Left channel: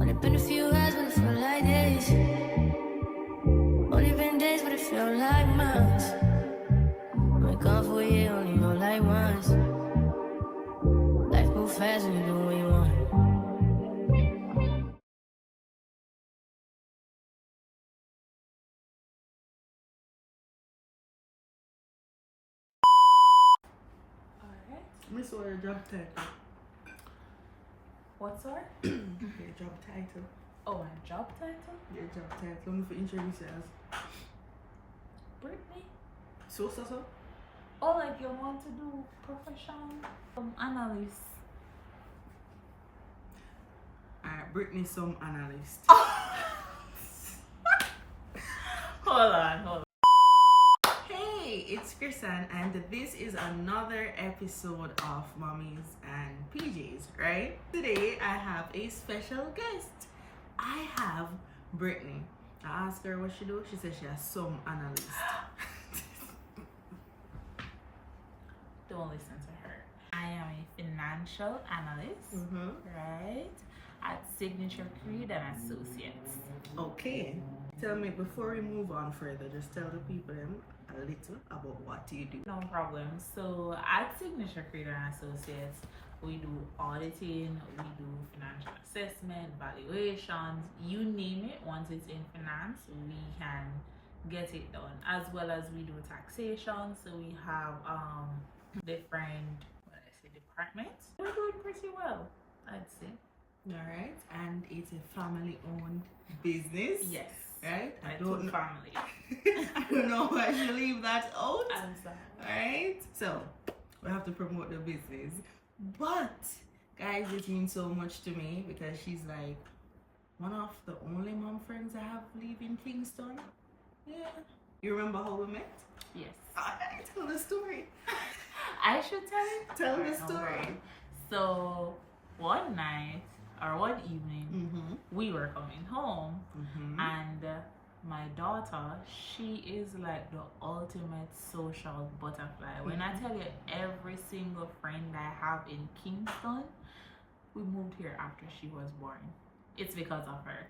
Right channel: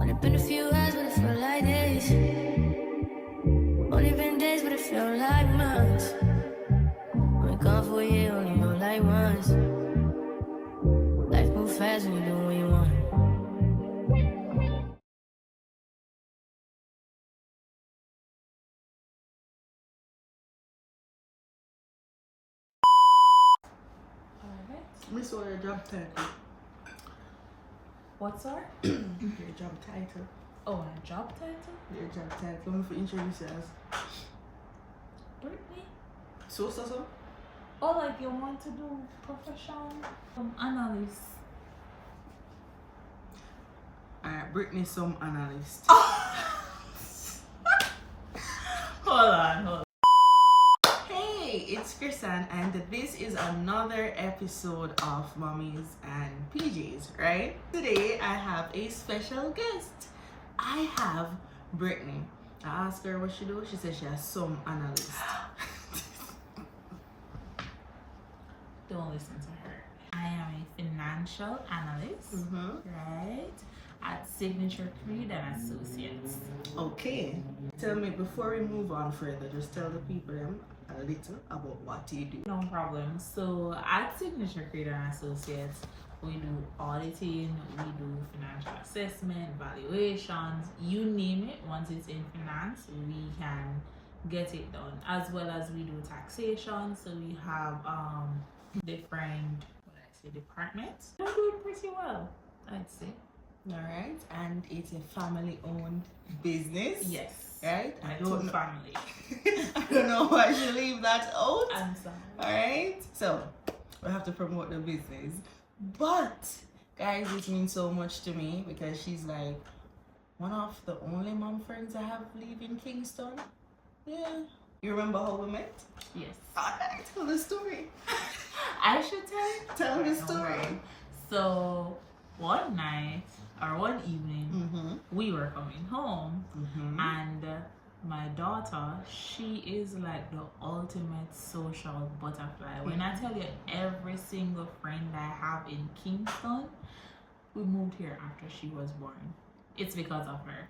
Only been a few hours, but it felt like days. Only been days, but it felt like months. Been gone for a year, only know like once. Life moves fast when you do what you want. Miss, what your job title? What, sorry? Your job title. Oh, my job title? Your job title. Let me for introduce you as Britany? so. Oh, like you want to do profession? Analyst. Alright, Britany, some analyst. Hold on. Hey, it's Krisan, and this is another episode of Mommies and PJs, right? Today I have a special guest. I have Britany. I asked her what she do. She said she has some analyst. Don't listen to her. I am a financial analyst, right? At Signature Creed and Associates. Okay. Tell me, before we move on further, just tell the people a little about what you do. No problem. So at Signature Creed and Associates, we do auditing, we do financial assessment, valuations, you name it. Once it's in finance, we can get it done. As well as we do taxation. So we have different departments. We're doing pretty well, I'd say. Alright, and it's a family-owned business. Yes. Right? I don't know. Family. I don't know why I should leave that out. I'm sorry. Alright, so we have to promote the business. But guys, it means so much to me because she's like one of the only mom friends I have live in Kingston. Yeah. You remember how we met? Yes. Alright, tell the story. I should tell it? Tell the story. So one night or one evening, we were coming home and my daughter, she is like the ultimate social butterfly. When I tell you, every single friend I have in Kingston, we moved here after she was born. It's because of her.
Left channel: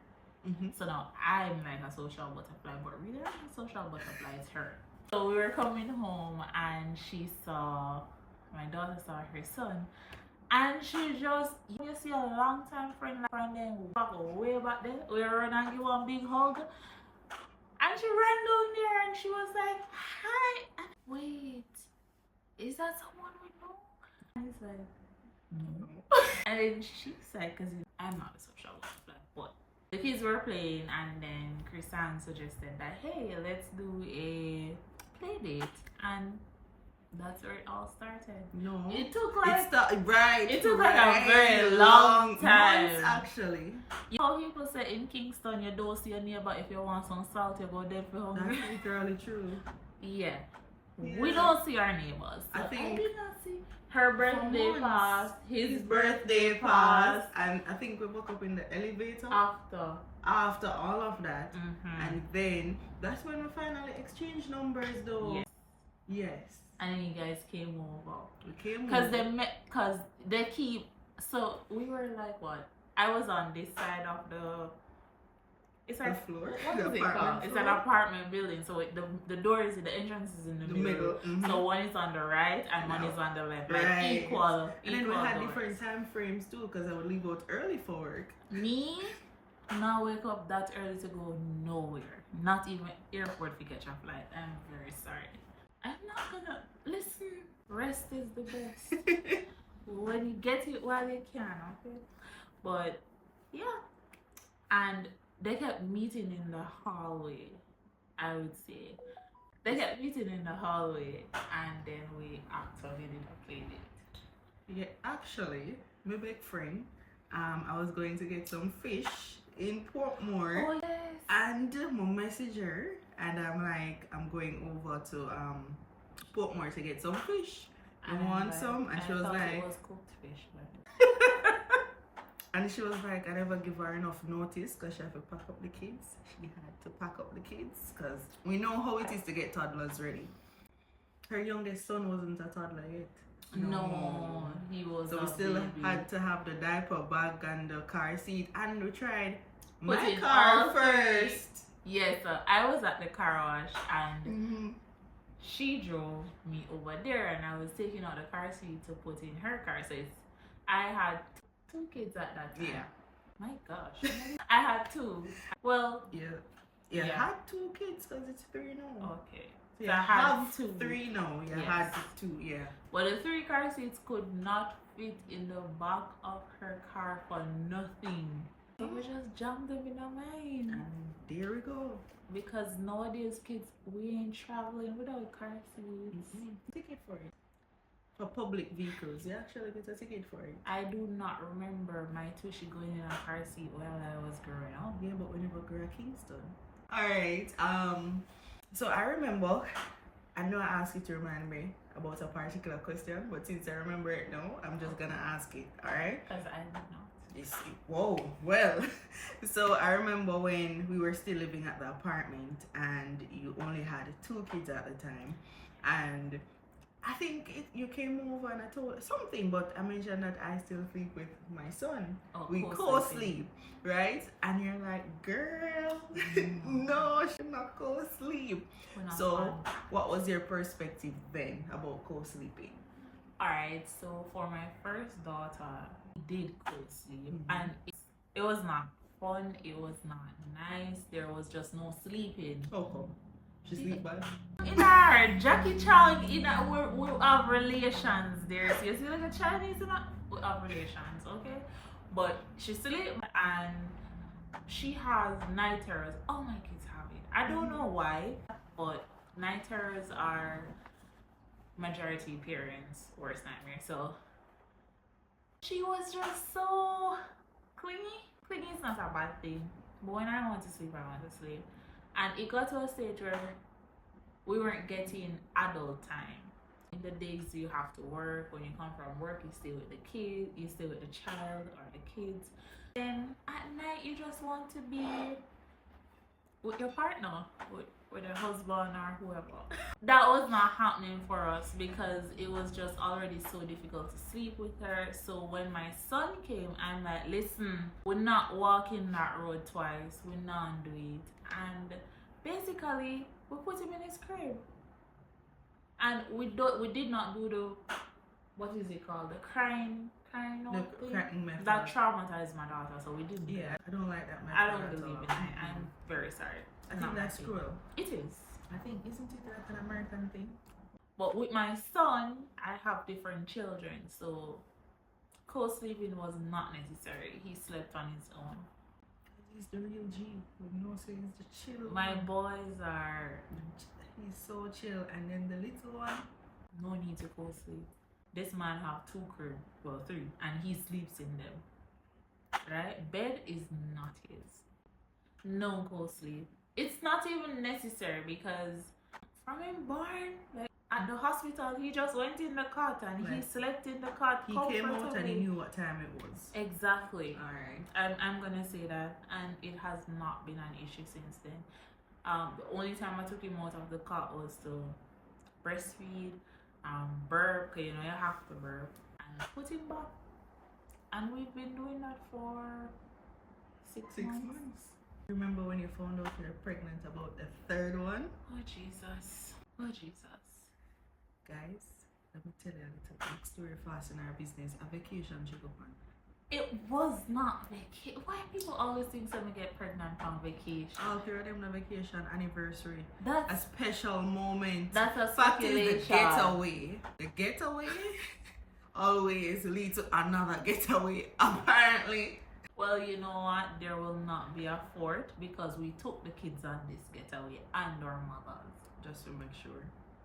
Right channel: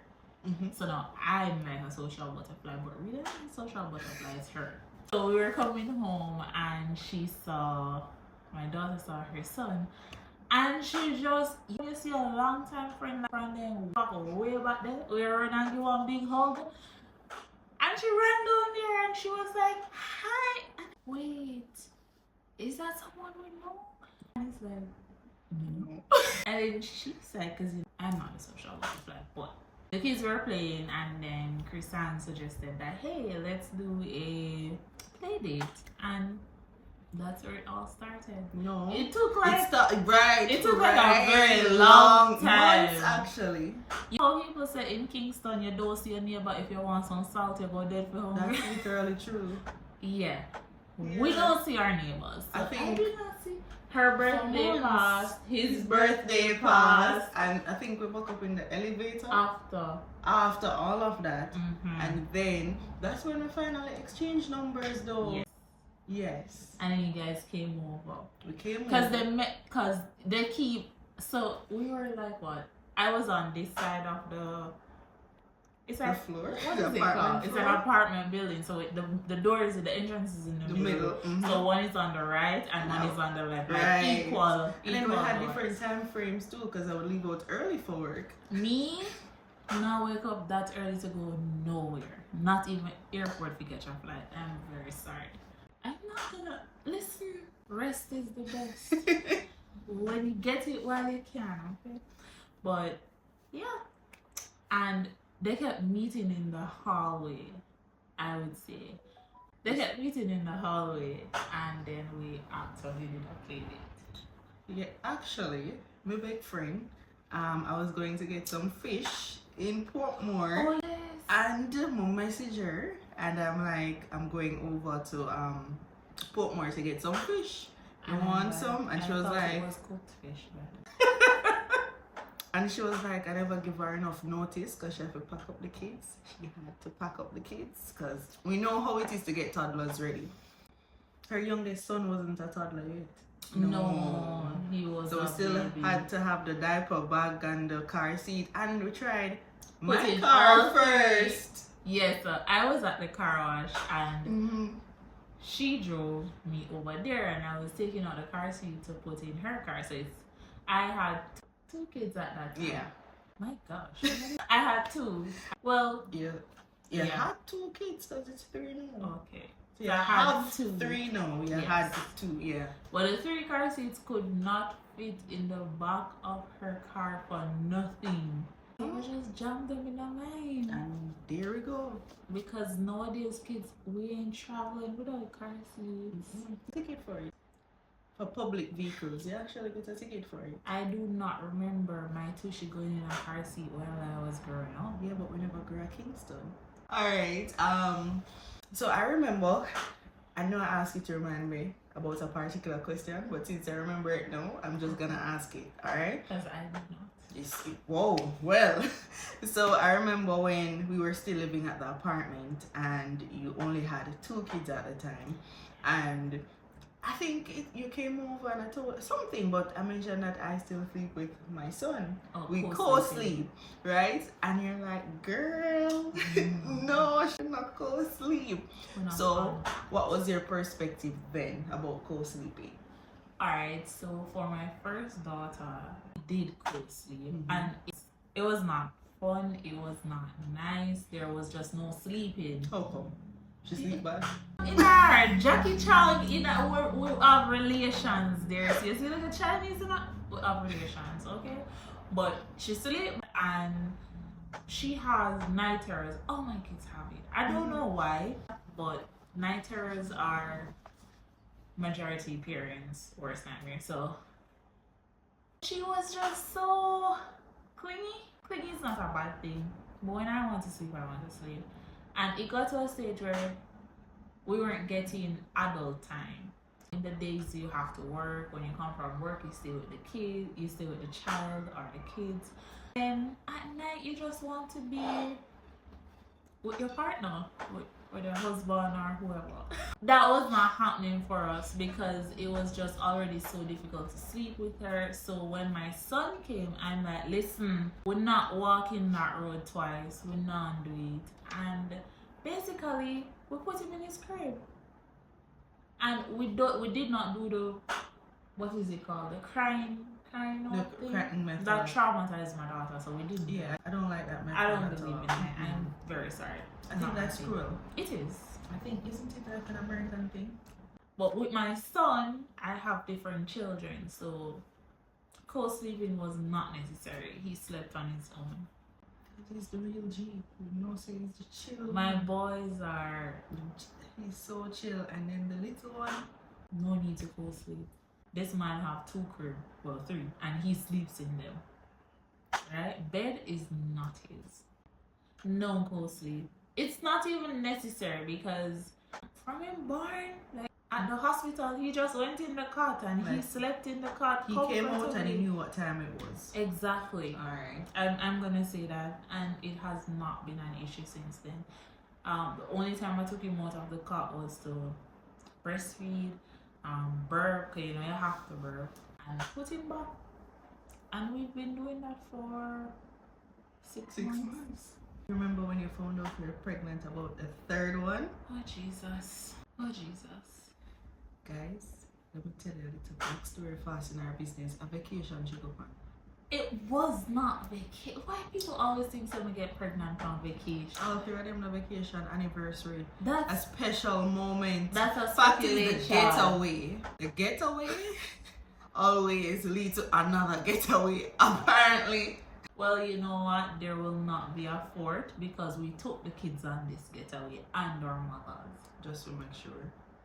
So now I'm like a social butterfly, but really the social butterfly is her. So we were coming home and my daughter saw her son, and she just, you see a long time friend then walk way back then, we were running and give one big hug. And she ran down there and she was like, hi. And wait, is that someone we know? And he's like, no. And then she's like, because I'm not a social butterfly, but the kids were playing, and then Krisan suggested that, hey, let's do a play date. And that's where it all started. No, it took like it took like a very long time. Months, actually. You know, people say in Kingston you don't see your neighbor if you want some salt, you go dead for hungry. That's literally true. Yeah. We don't see our neighbors. So I did not see her birthday passed, his birthday passed, and I think we woke up in the elevator after all of that, and then that's when we finally exchanged numbers, though. Yes. And then you guys came over. We came over. Because they keep, so we were like what? I was on this side of it's like, the floor. What is it called? It's an apartment building. So the door is, the entrance is in the middle. So one is on the right and one is on the left. Like equal. And then we had different time frames too, because I would leave out early for work. Me, now wake up that early to go nowhere. Not even airport to catch a flight. I'm very sorry. I'm not gonna listen. Rest is the best. When you get it while you can, okay? But yeah, and they kept meeting in the hallway. I would say they kept meeting in the hallway, and then we actually did a play date. Yeah, actually, my big friend, I was going to get some fish in Portmore. Oh yes. And my message her, and I'm like, I'm going over to Portmore to get some fish. You want some? And she was like, it was cooked fish, but and she was like, I never give her enough notice because she had to pack up the kids. She had to pack up the kids because we know how it is to get toddlers ready. Her youngest son wasn't a toddler yet. No, he was So a we still baby. had to have the diaper bag and the car seat, and we tried Put my in car all three. first. Yes, I was at the car wash and she drove me over there, and I was taking out the car seat to put in her car. So I had two kids at that time. Yeah. My gosh, I had two. Well, You Yeah. had two kids because it's three now. okay. So So you I had have two. three now. You Yes. had two, yeah. But the 3 car seats could not fit in the back of her car for nothing. So we just jammed them in the mine. And there we go. Because nowadays kids, we ain't traveling without car seats. Ticket for it. For public vehicles, you actually get a ticket for it. I do not remember my tushy going in a car seat while I was growing up. Yeah, but we never grew at Kingston. Alright, so I remember, I know I asked you to remind me about a particular question, but since I remember it now, I'm just gonna ask it, alright? Because I did not. Whoa, well, so I remember when we were still living at the apartment and you only had 2 kids at the time, and I think you came over and I told something, but I mentioned that I still sleep with my son. Oh, We co-sleep, right? And you're like, girl, no, I should not co-sleep. So what was your perspective then about co-sleeping? Alright, so for my first daughter, we did co-sleep, and it was not fun, it was not nice, there was just no sleeping. How come? She sleep bad? In our Jackie Chan, we have relations there. So you see like a Chinese, we have relations, okay? But she sleep and she has night terrors. All my kids have it. I don't know why, but night terrors are majority parents' worst nightmare. So she was just so clingy. Clingy is not a bad thing, but when I want to sleep, I want to sleep. And it got to a stage where we weren't getting adult time. In the days you have to work, when you come from work, you stay with the kid, you stay with the child or the kids. Then at night, you just want to be with your partner, with your husband or whoever. That was not happening for us because it was just already so difficult to sleep with her. So when my son came, I'm like, listen, we're not walking that road twice, we're not doing it. And basically, we put him in his crib. And we did not do the, what is it called? The crying out thing. Crying method. That traumatized my daughter, so we didn't. Yeah, I don't like that method. I don't at believe all. in it. I'm very sorry. I think that's cruel. It is. I think, isn't it like an American thing? But with my son, I have different children, so co-sleeping was not necessary. He slept on his own. He's the real G. You know, so he's the chill. My boys are He's so chill, and then the little one. no need to co-sleep. This man have 2 crib, well 3, and he sleeps in them. Right? Bed is not his. No co-sleep. It's not even necessary because from him born, like at the hospital, he just went in the cot and he slept in the cot. He came out and he knew what time it was. Exactly. Alright. I'm gonna say that, and it has not been an issue since then. The only time I took him out of the cot was to breastfeed, burp, 'cause you know you have to burp, and put him back. And we've been doing that for 6 months. Remember when you found out you're pregnant about the 3rd one? Oh Jesus. Oh Jesus. Guys, let me tell you a little backstory fast in our business. A vacation she go on. It was not vacation. Why people always think someone get pregnant on vacation? All 3 of them on vacation, anniversary, That's a special moment. That's a Fact is, the speculation. getaway. The getaway always leads to another getaway, apparently. Well, you know what? There will not be a 4th because we took the kids on this getaway and our mothers. Just to make sure.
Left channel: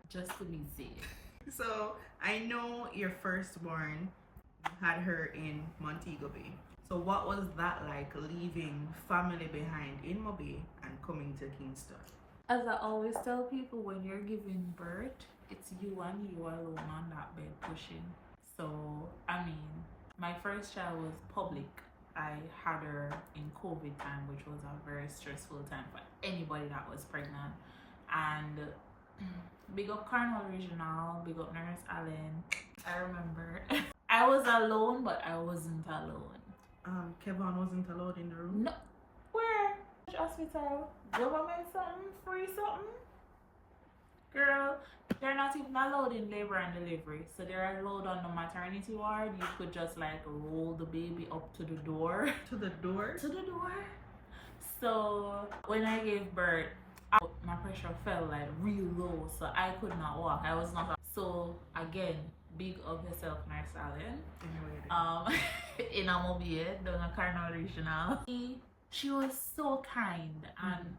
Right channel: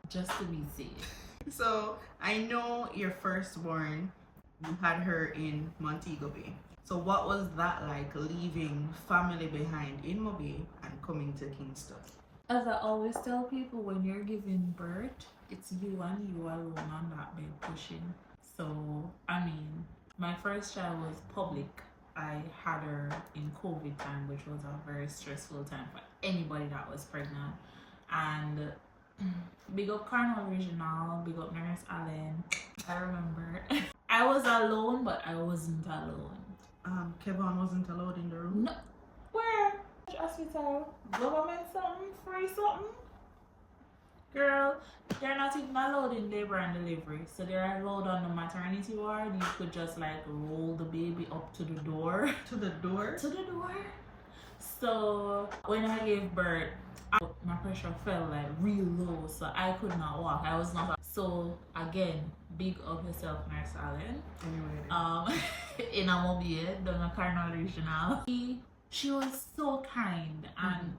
Just to be safe. So, I know your firstborn, you had her in Montego Bay. So what was that like, leaving family behind in Mobay and coming to Kingston? As I always tell people, when you're giving birth, it's you and you alone on that bed pushing. So, I mean, my first child was public. I had her in COVID time, which was a very stressful time for anybody that was pregnant. And Big up Carnal Regional, big up Nurse Allen. I remember. I was alone, but I wasn't alone. Kevin wasn't allowed in the room? No. Where? Which hospital? Government something? Free something? Girl, they're not even allowed in labor and delivery. So they're allowed on the maternity ward. You could just like roll the baby up to the door. To the door? To the door. So when I gave birth, my pressure fell like real low. So I could not walk. I was not. So again, big of yourself, Nurse Allen. Anyway. In a mobile, down a Carnal Regional. She was so kind, and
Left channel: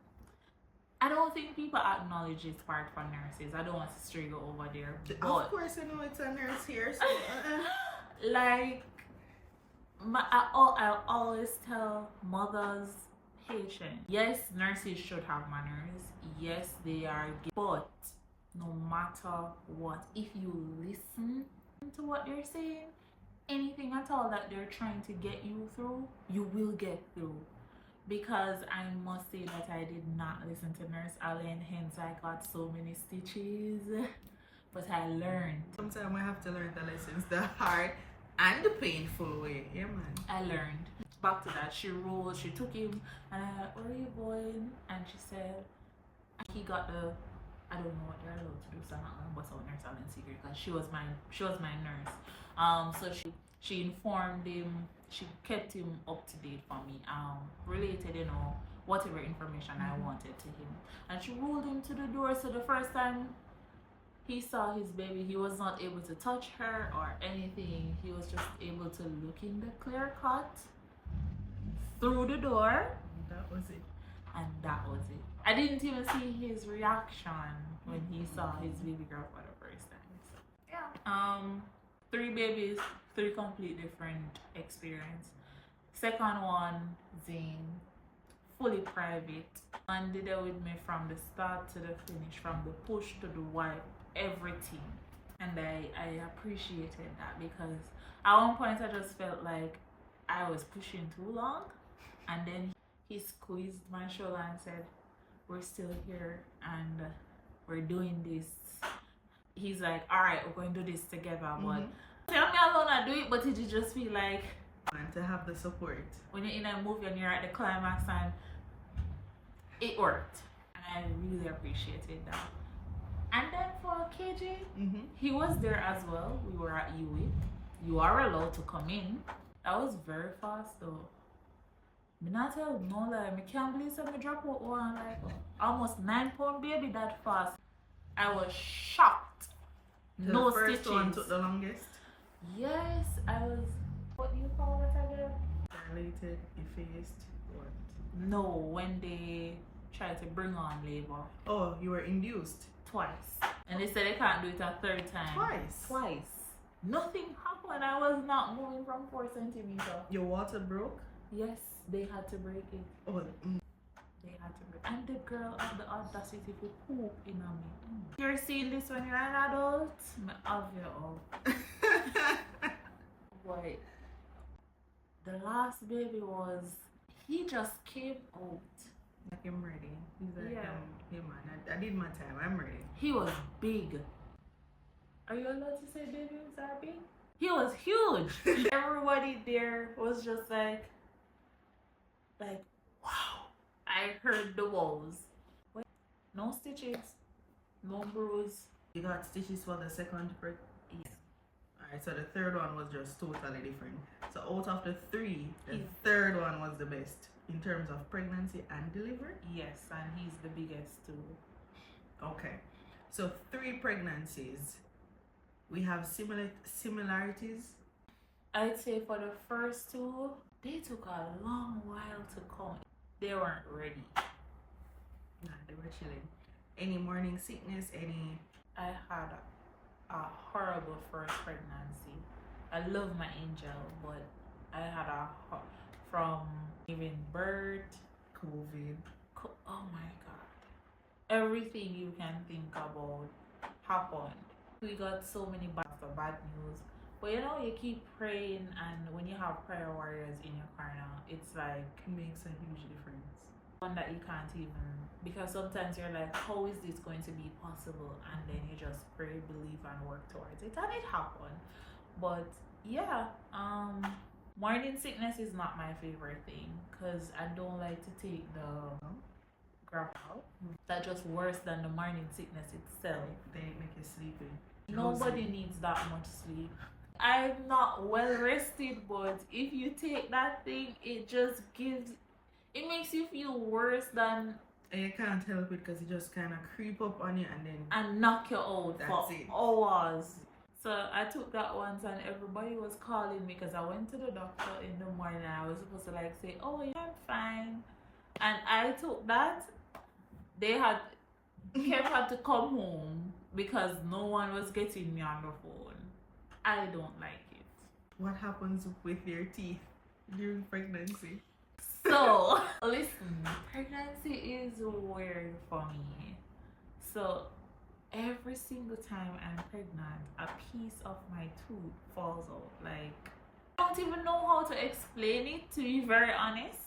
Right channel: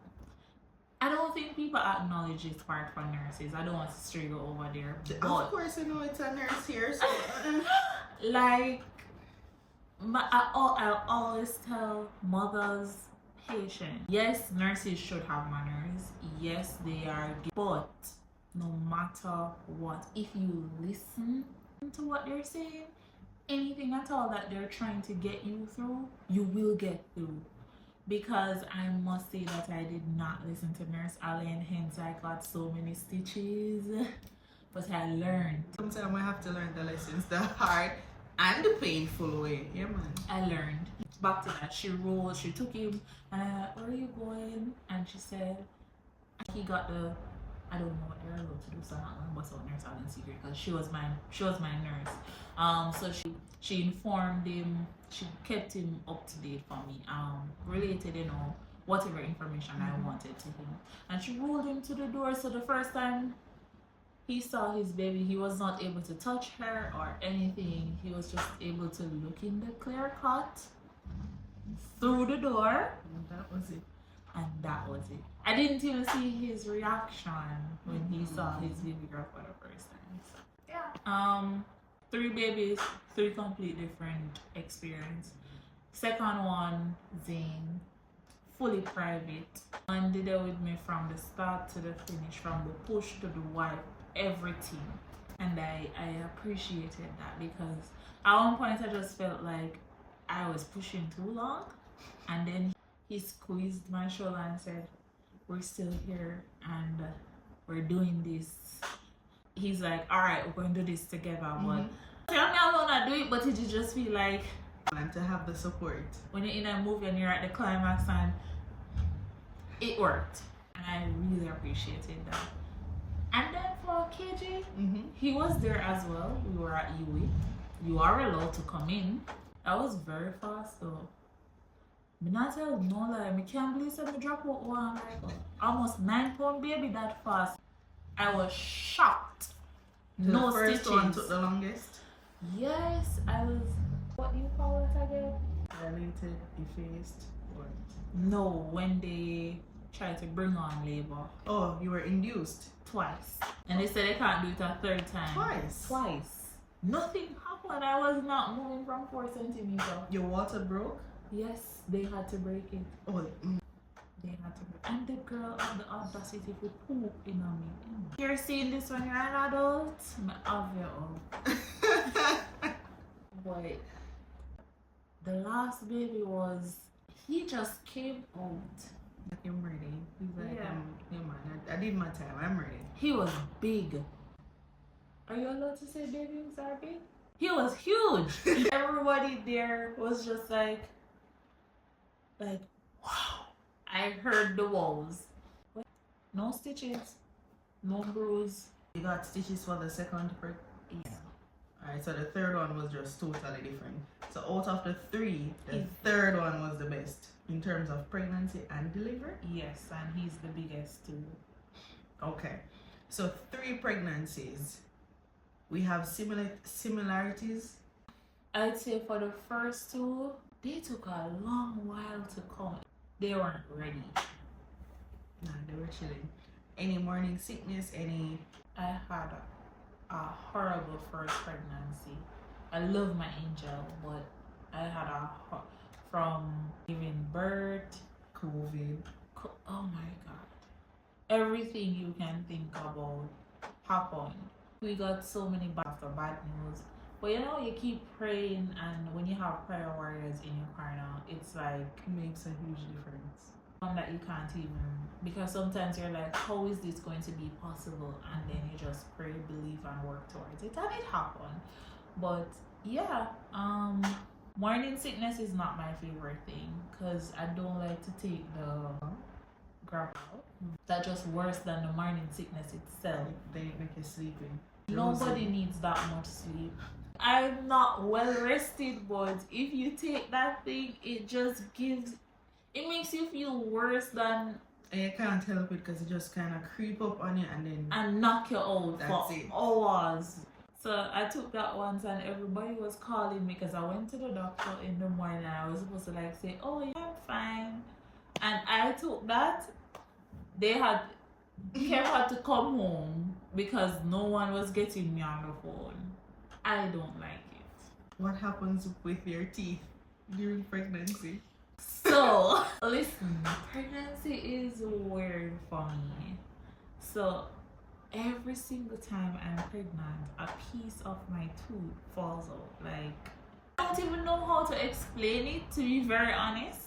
I don't think people acknowledge this part for nurses. I don't want to stray over there. But of course, you know it's a nurse here. So, like, I always tell mothers, patients, yes, nurses should have manners. Yes, they are. But no matter what, if you listen to what they're saying, anything at all that they're trying to get you through, you will get through. Because I must say that I did not listen to Nurse Allen, hence I got so many stitches. But I learned. Sometimes we have to learn the lessons the hard and the painful way. Yeah, man. I learned. Back to that, she took him, and I like, where are you going? And she said, he got the, I don't know what they're allowed to do, so I'm not gonna bust out Nurse Allen's secret because she was my nurse. So she informed him, she kept him up to date for me, related, you know, whatever information I wanted to him. And she rolled him to the door. So the first time he saw his baby, he was not able to touch her or anything. He was just able to look in the clear cut through the door. And that was it. And that was it. I didn't even see his reaction when he saw his baby girl for the first time. So yeah. 3 babies, 3 complete different experience. Second one, Zane, fully private. And did it with me from the start to the finish, from the push to the wipe, everything. And I appreciated that, because at one point I just felt like I was pushing too long. And then he squeezed my shoulder and said, we're still here and we're doing this. He's like, all right, we're going to do this together. But tell me alone I do it, but it just feel like, and to have the support when you're in a movie and you're at the climax, and it worked. And I really appreciated that. And then for KJ, he was there as well. We were at UWI. You are allowed to come in. That was very fast though. Me not tell no lie. Me can't believe that me drop out one like almost 9-pound baby that fast. I was shocked. No the first stitches. one took the longest. Yes, I was. What do you call it again? Dilated, effaced, what? No, when they try to bring on labor. Oh, you were induced. Twice. And they said they can't do it a 3rd time. Twice. Nothing happened. I was not moving from 4 centimeters. Your water broke? Yes, they had to break it. Oh, They had to break it. And the girl had the audacity to poop in on me. You're seeing this when you're an adult? Me have you up. Boy, the last baby was, he just came out. Like, I'm ready. He's like, Yeah. yeah man, I did my time, I'm ready. He was big. Are you allowed to say babies are big? He was huge. Everybody there was just like, wow. I heard the wows. No stitches, no bruise. You got stitches for the second prick? Yeah. Alright, so the 3rd one was just totally different. So out of the 3, the 3rd one was the best in terms of pregnancy and delivery? Yes, and he's the biggest too. Okay, so 3 pregnancies. We have similarities. I'd say for the first 2, they took a long while to come. They weren't ready. Nah, they were chilling. Any morning sickness, any... I had a horrible first pregnancy. I love my angel, but I had from giving birth, COVID. Oh my God. Everything you can think about happened. We got so many bad news. But you know, you keep praying, and when you have prayer warriors in your corner, it's like, Makes a huge difference. one that you can't even, because sometimes you're like, how is this going to be possible? And then you just pray, believe, and work towards it, and it happened. But yeah, morning sickness is not my favorite thing, because I don't like to take the grab out. That's just worse than the morning sickness itself. They make you sleepy. Nobody needs that much sleep. I'm not well rested, but if you take that thing, it makes you feel worse than. And you can't help it because it just kind of creep up on you and knock you out for it. hours. So I took that once, and everybody was calling me because I went to the doctor in the morning. I was supposed to like say, oh yeah, I'm fine, and I took that. Kev had to come home because no one was getting me on the phone. I don't like it. What happens with your teeth during pregnancy? So, listen, pregnancy is weird for me. So, every single time I'm pregnant, a piece of my tooth falls out. Like, I don't even know how to explain it, to be very honest.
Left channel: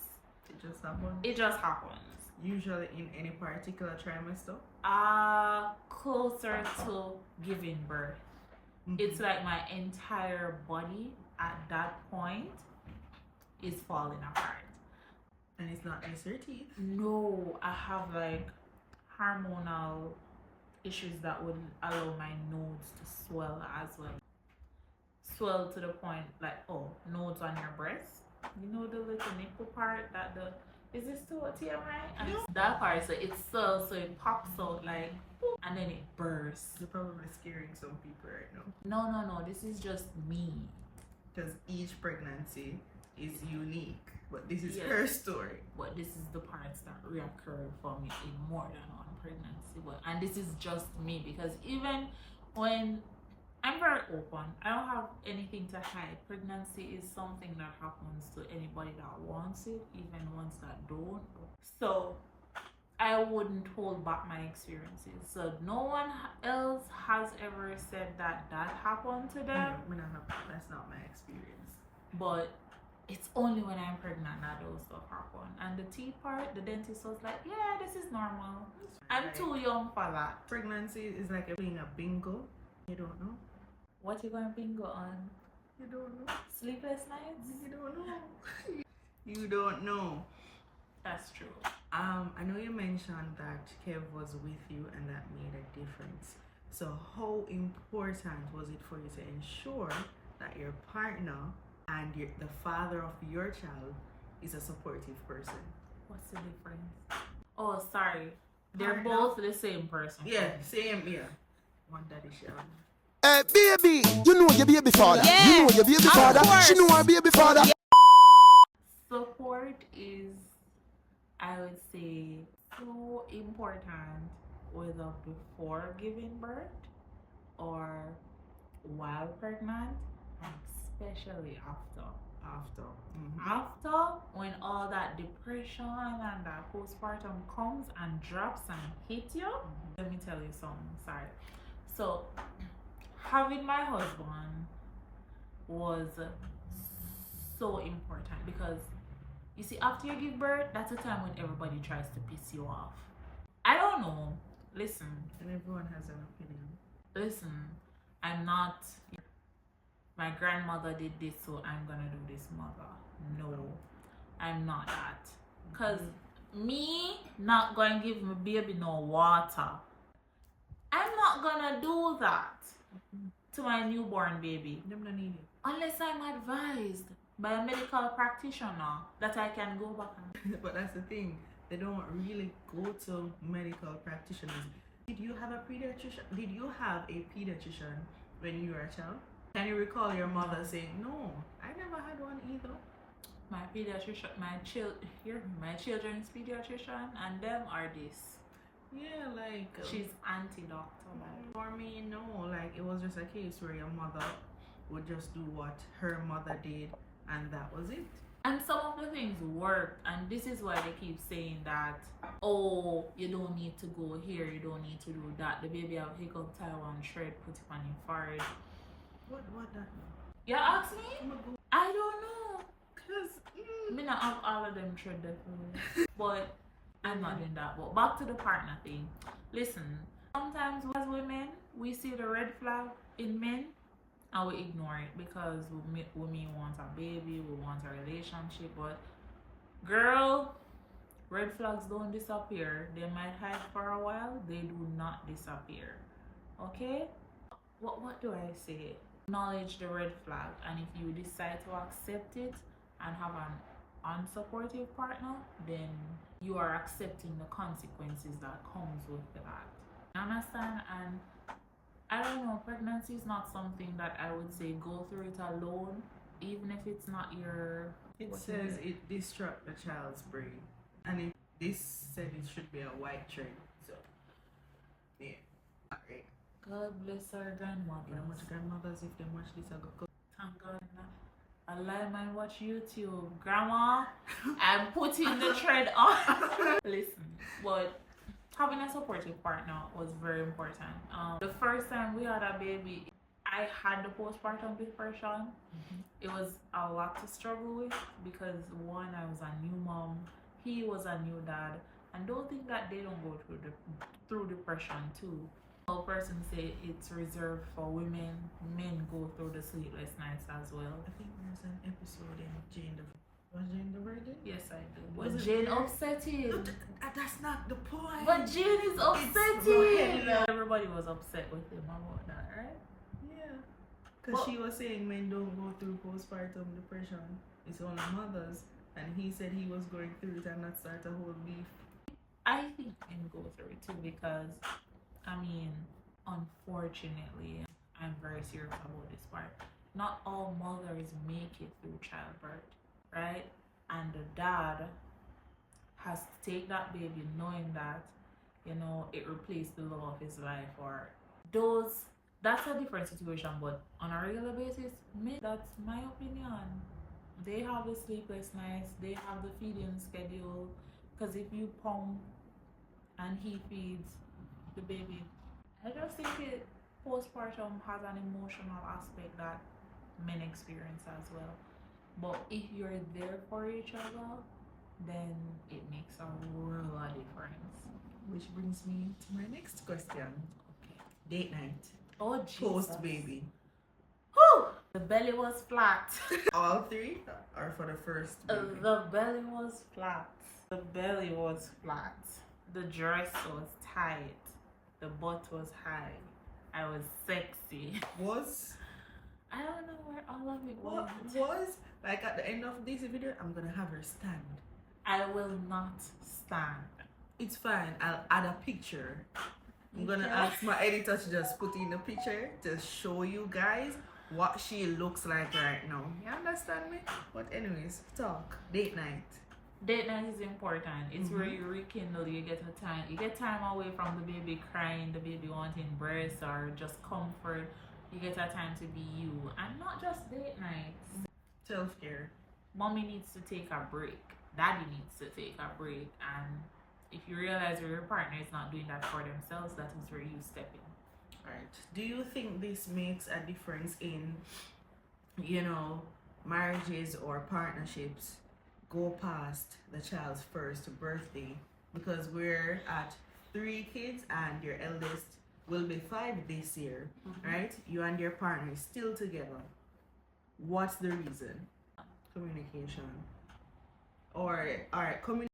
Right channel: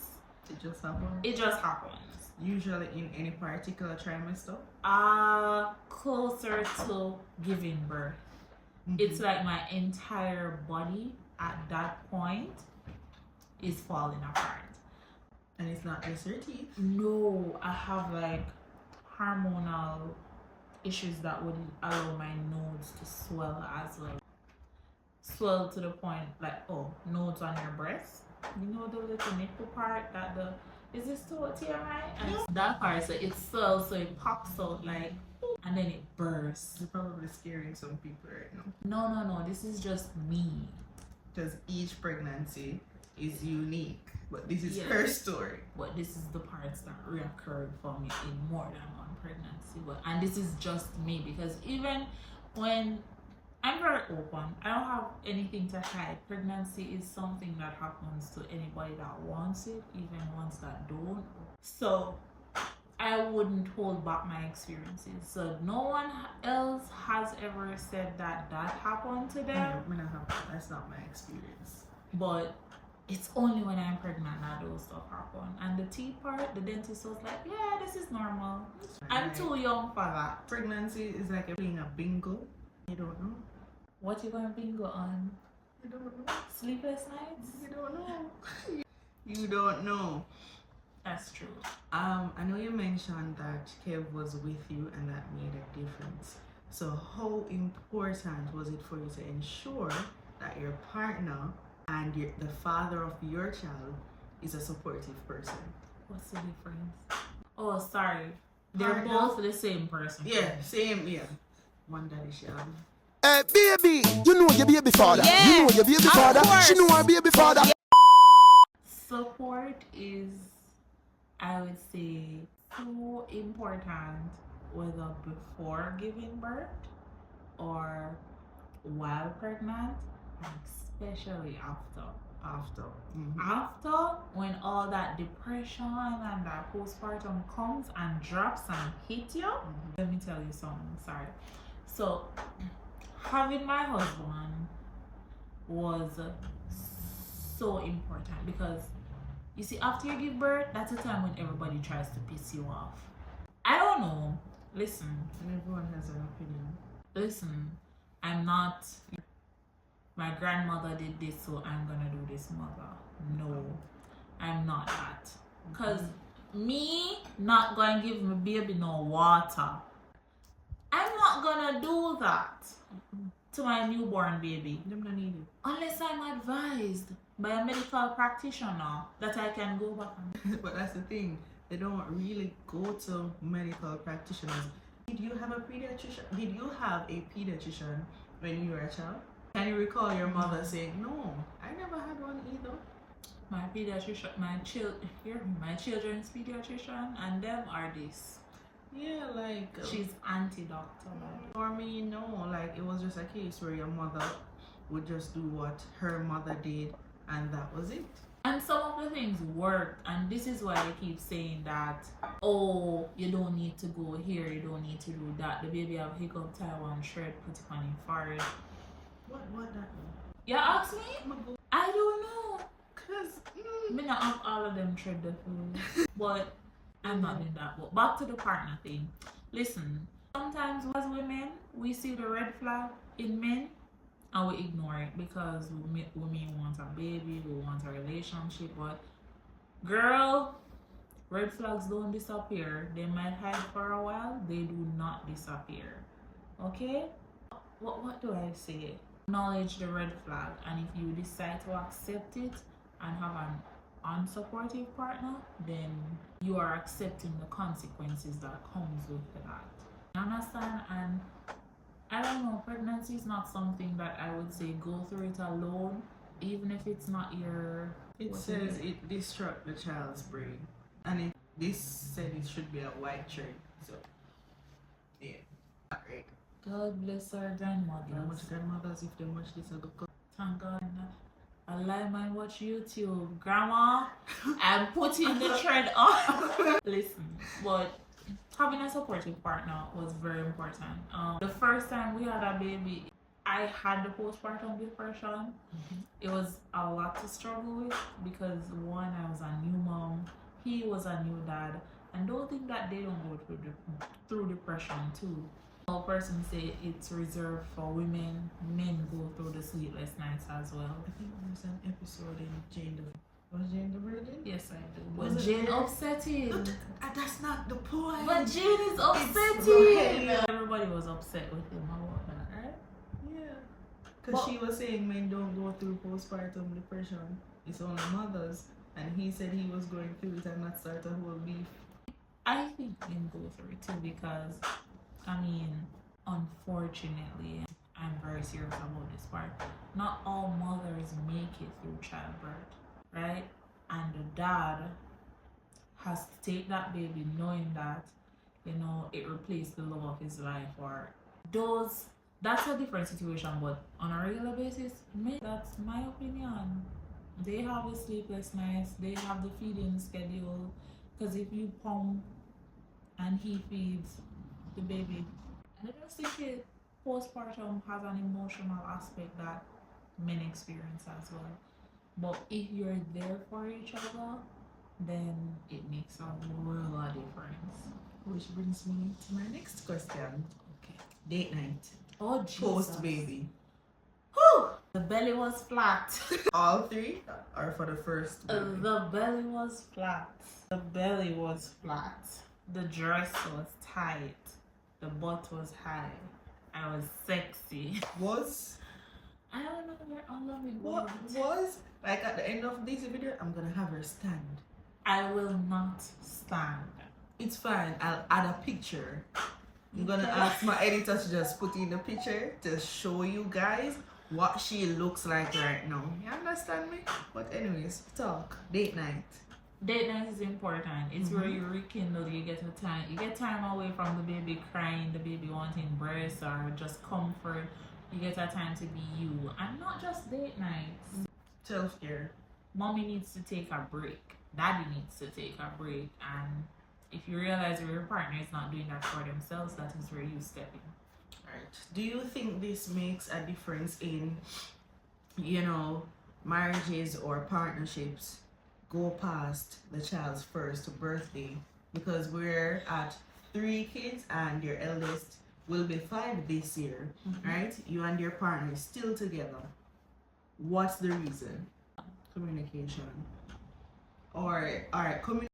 It just happens? It just happens. Usually in any particular trimester? Closer to giving birth. It's like my entire body at that point is falling apart. And it's not just your teeth? No, I have like hormonal issues that would allow my nodes to swell as well. Swell to the point like, oh, nodes on your breast. You know the little nipple part that is this to a TMI? And it's that part, so it swells, so it pops out like, and then it bursts. You're probably scaring some people right now. No, this is just me. Because each pregnancy is unique. But this is her story. But this is the parts that reoccurred for me in more than one pregnancy. And this is just me, because even when I'm very open, I don't have anything to hide. Pregnancy is something that happens to anybody that wants it, even ones that don't. So I wouldn't hold back my experiences. So no one else has ever said that happened to them. That's not my experience. But it's only when I'm pregnant that those stuff happen. And the teeth part, the dentist was like, yeah, this is normal. I'm too young for that. Pregnancy is like playing a bingo. You don't know. What you gonna bingo on? You don't know. Sleepless nights? You don't know. You don't know. That's true. I know you mentioned that Kev was with you and that made a difference. So how important was it for you to ensure that your partner and the father of your child is a supportive person? What's the difference? Oh, sorry. They're both the same person. Yeah, same, yeah. One daddy child. Hey, baby, you know your baby father. Yeah, you know your baby father. She know her baby father. Yeah. Support is, I would say, so important, whether before giving birth or while pregnant, and especially after. After, when all that depression and that postpartum comes and drops and hits you, let me tell you something. Sorry. So, having my husband was so important, because you see, after you give birth, that's the time when everybody tries to piss you off. I don't know. Listen. And everyone has an opinion. Listen, I'm not, my grandmother did this, so I'm gonna do this, mother. No, I'm not that. Because me not going to give my baby no water, I'm not gonna do that to my newborn baby. Them not need it. Unless I'm advised by a medical practitioner that I can go back and... But that's the thing. They don't really go to medical practitioners. Did you have a pediatrician? Did you have a pediatrician when you were a child? Can you recall your mother saying, no, I never had one either? My pediatrician, my children's pediatrician, and them are this. Yeah, like... she's anti-doctor, man. For me, no, like it was just a case where your mother would just do what her mother did, and that was it. And some of the things worked, and this is why they keep saying that, oh, you don't need to go here, you don't need to do that. The baby have hiccup, Taiwan shred, put it on your forehead. What that mean? You ask me? I don't know. Cause Me not have all of them thread the food. But I'm not doing that. But back to the partner thing. Listen, sometimes as women, we see the red flag in men and we ignore it because we want a baby, we want a relationship. But girl, red flags don't disappear. They might hide for a while, they do not disappear. Okay? What do I say? Acknowledge the red flag, and if you decide to accept it and have an unsupportive partner, then you are accepting the consequences that comes with that. You understand? And I don't know, pregnancy is not something that I would say go through it alone, even if it's not your... It says it disrupts the child's brain, and this said it should be a white thread. So yeah, not right. God bless our grandmothers. How much grandmothers if they watch this I go Thank God. I like mine watch YouTube, grandma, and putting the thread on. Listen, but having a supportive partner was very important. The first time we had a baby, I had the postpartum depression. It was a lot to struggle with because one, I was a new mom, he was a new dad, and don't think that they don't go through depression too. All persons say it's reserved for women. Men go through the sleepless nights as well. I think there's an episode in Jane the... Was Jane the Virgin? Yes, I do. But Jane upsetting. No, that's not the point. But Jane is upsetting. Everybody was upset with him about that, right? Yeah. Because she was saying men don't go through postpartum depression. It's only mothers. And he said he was going through it and not start a whole beef. I think men go through it too because, I mean, unfortunately, I'm very serious about this part. Not all mothers make it through childbirth, right? And the dad has to take that baby knowing that, you know, it replaced the love of his life or that's a different situation. But on a regular basis, that's my opinion. They have the sleepless nights, they have the feeding schedule, because if you pump and he feeds the baby, I just think postpartum has an emotional aspect that men experience as well. But if you're there for each other, then it makes a world of difference. Which brings me to my next question. Okay. Date night. Oh, Jesus. Post baby. Whew! The belly was flat. All three or for the first baby? The belly was flat. The belly was flat. The dress was tight. The butt was high. I was sexy. I don't know where all of it What was? Like at the end of this video, I'm gonna have her stand. I will not stand. It's fine. I'll add a picture. I'm gonna ask my editor to just put in the picture to show you guys what she looks like right now. You understand me? But anyways, talk. Date night. Date night is important. It's where you rekindle. You get time away from the baby crying, the baby wanting breast or just comfort. You get a time to be you, and not just date nights. Self-care. Mommy needs to take a break. Daddy needs to take a break. And if you realize your partner is not doing that for themselves, that is where you step in. Right. Do you think this makes a difference in, you know, marriages or partnerships go past the child's first birthday? Because we're at 3 kids and your eldest will be 5 this year, right? You and your partner is still together. What's the reason? Communication. Or, all right, communication.